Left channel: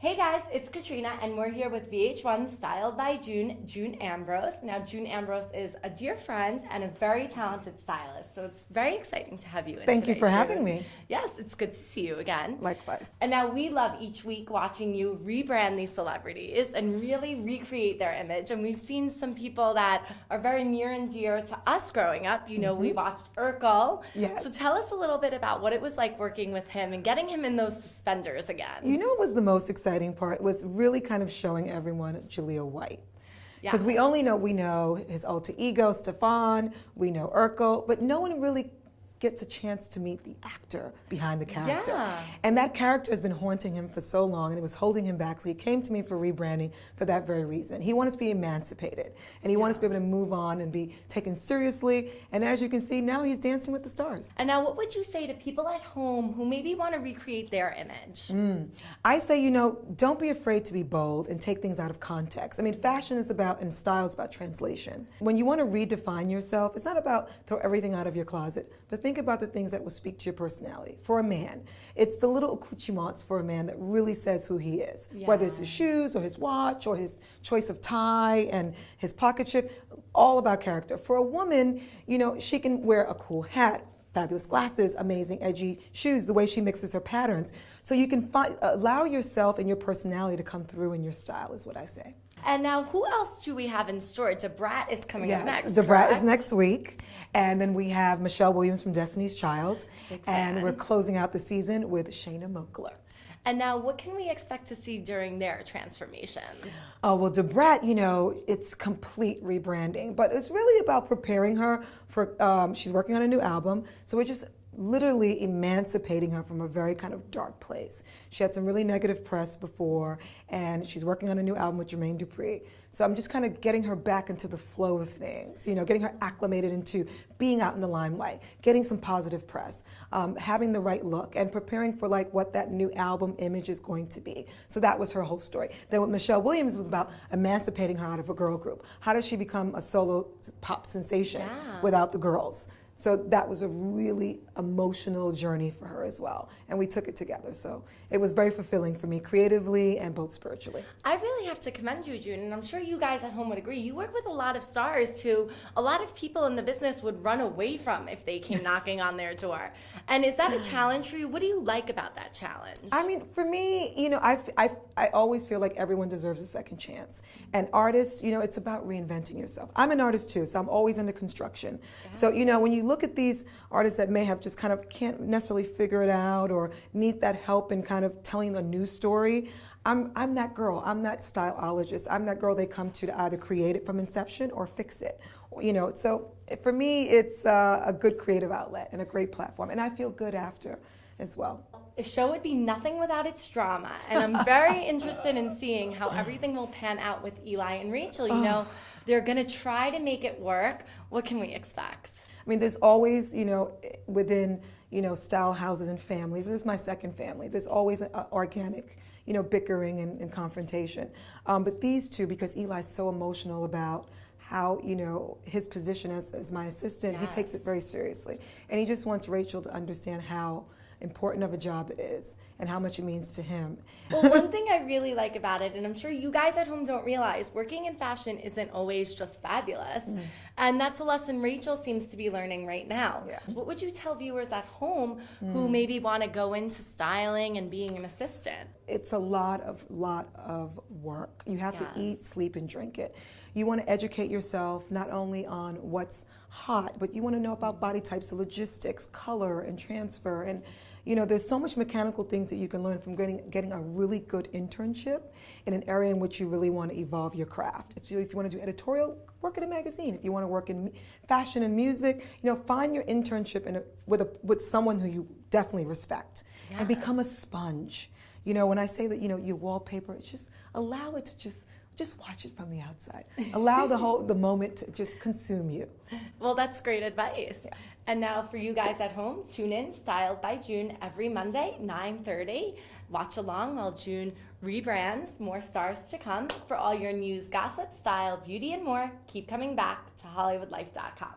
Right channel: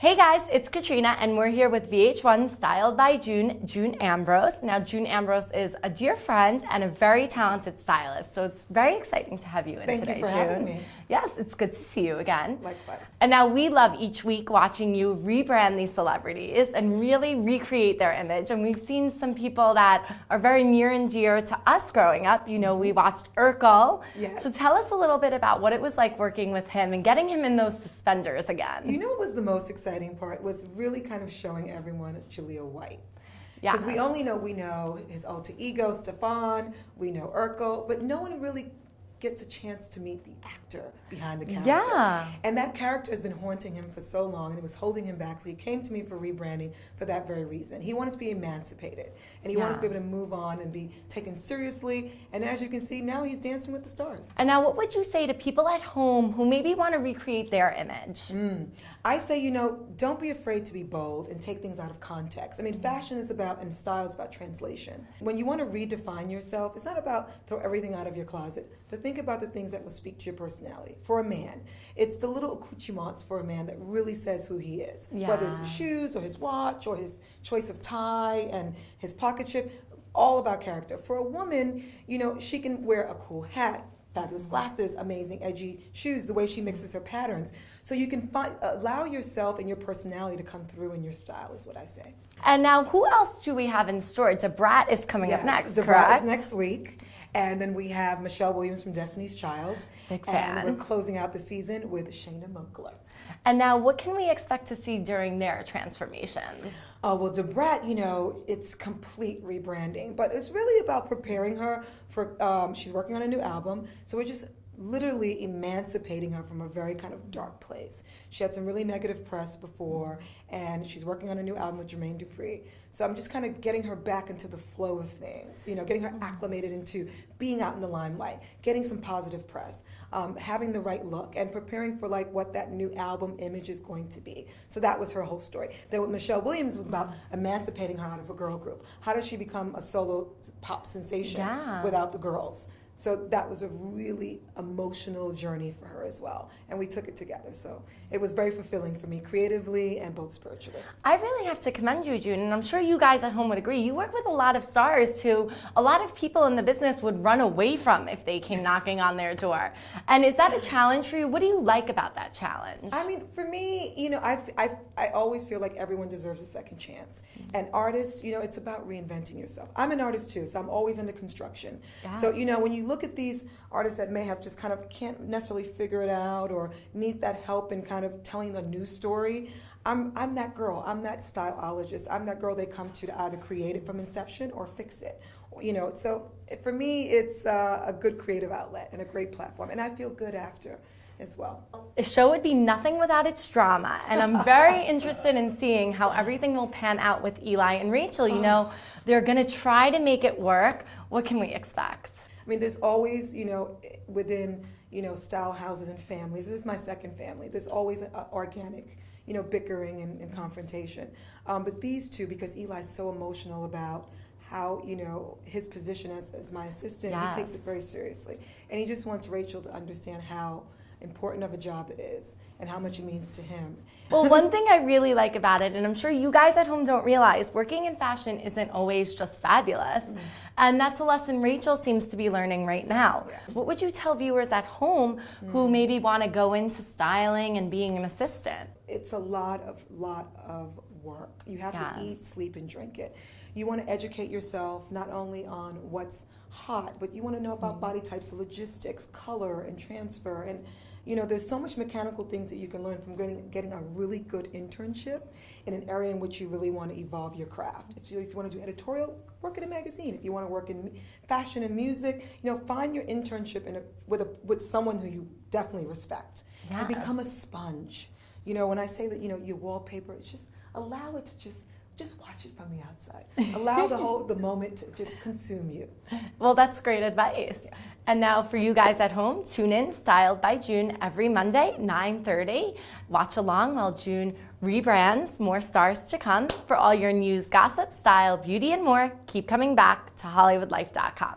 Hey guys, it's Katrina and we're here with VH1 Styled by June Ambrose. Now June Ambrose is a dear friend and a very talented stylist, so it's very exciting to have you in today, Thank you for having me. Yes, it's good to see you again. Likewise. And now we love each week watching you rebrand these celebrities and really recreate their image. And we've seen some people that are very near and dear to us growing up. You know, we watched Urkel. Yes. So tell us a little bit about what it was like working with him and getting him in those suspenders again. You know what was the most exciting part was really kind of showing everyone Jaleel White. Yeah. Because we know his alter ego, Stefan, we know Urkel, but no one really gets a chance to meet the actor behind the character. Yeah. And that character has been haunting him for so long, and it was holding him back. So he came to me for rebranding for that very reason. He wanted to be emancipated, and he wanted to be able to move on and be taken seriously. And as you can see, now he's dancing with the stars. And now what would you say to people at home who maybe want to recreate their image? I say, you know, don't be afraid to be bold and take things out of context. I mean, fashion is about, and style is about translation. When you want to redefine yourself, it's not about throw everything out of your closet, but think about the things that will speak to your personality. For a man, it's the little accoutrements for a man that really says who he is. Yeah. Whether it's his shoes or his watch or his choice of tie and his pocket chip, all about character. For a woman, you know, she can wear a cool hat, fabulous glasses, amazing edgy shoes, the way she mixes her patterns. So you can allow yourself and your personality to come through in your style is what I say. And now who else do we have in store? Debrat is coming up next, Debrat correct? is next week. And then we have Michelle Williams from Destiny's Child. Big fan. And we're closing out the season with Shayna Moakler. And now what can we expect to see during their transformations? Oh, well, Debrat, you know, it's complete rebranding, but it's really about preparing her for, she's working on a new album, so we're just literally emancipating her from a very kind of dark place. She had some really negative press before, and she's working on a new album with Jermaine Dupri. So I'm just kind of getting her back into the flow of things, you know, getting her acclimated into being out in the limelight, getting some positive press, having the right look, and preparing for like what that new album image is going to be. So that was her whole story. Then with Michelle Williams was about emancipating her out of a girl group. How does she become a solo pop sensation without the girls? So that was a really emotional journey for her as well. And we took it together. So it was very fulfilling for me creatively and both spiritually. I really have to commend you, June, and I'm sure you guys at home would agree. You work with a lot of stars who a lot of people in the business would run away from if they came knocking on their door. And is that a challenge for you? What do you like about that challenge? I mean, for me, you know, I always feel like everyone deserves a second chance. And artists, you know, it's about reinventing yourself. I'm an artist too, so I'm always into construction. So, you know, when you look at these artists that may have just kind of can't necessarily figure it out or need that help in kind of telling a new story, I'm that girl. I'm that styleologist. I'm that girl they come to either create it from inception or fix it. You know, so for me, it's a good creative outlet and a great platform, and I feel good after as well. The show would be nothing without its drama, and I'm very interested in seeing how everything will pan out with Eli and Rachel. You know, they're going to try to make it work. What can we expect? I mean, there's always, you know, within, you know, style houses and families, this is my second family, there's always an organic, you know, bickering and confrontation. But these two, because Eli's so emotional about how, you know, his position as my assistant, he takes it very seriously. And he just wants Rachel to understand how important of a job it is and how much it means to him. Well, one thing I really like about it, and I'm sure you guys at home don't realize, working in fashion isn't always just fabulous. And that's a lesson Rachel seems to be learning right now. What would you tell viewers at home who maybe want to go into styling and being an assistant? It's a lot of work. You have to eat, sleep, and drink it. You want to educate yourself not only on what's hot, but you want to know about body types, the logistics, color, and transfer. And you know, there's so much mechanical things that you can learn from getting a really good internship in an area in which you really want to evolve your craft. If you want to do editorial, work at a magazine. If you want to work in fashion and music, you know, find your internship with someone who you definitely respect and become a sponge. You know, when I say that, you know, your wallpaper, it's just allow it to just watch it from the outside. Allow the moment to just consume you. Well, that's great advice. And now for you guys at home, tune in Styled by June every Monday, 9:30. Watch along while June rebrands. More stars to come. For all your news, gossip, style, beauty, and more, keep coming back to HollywoodLife.com.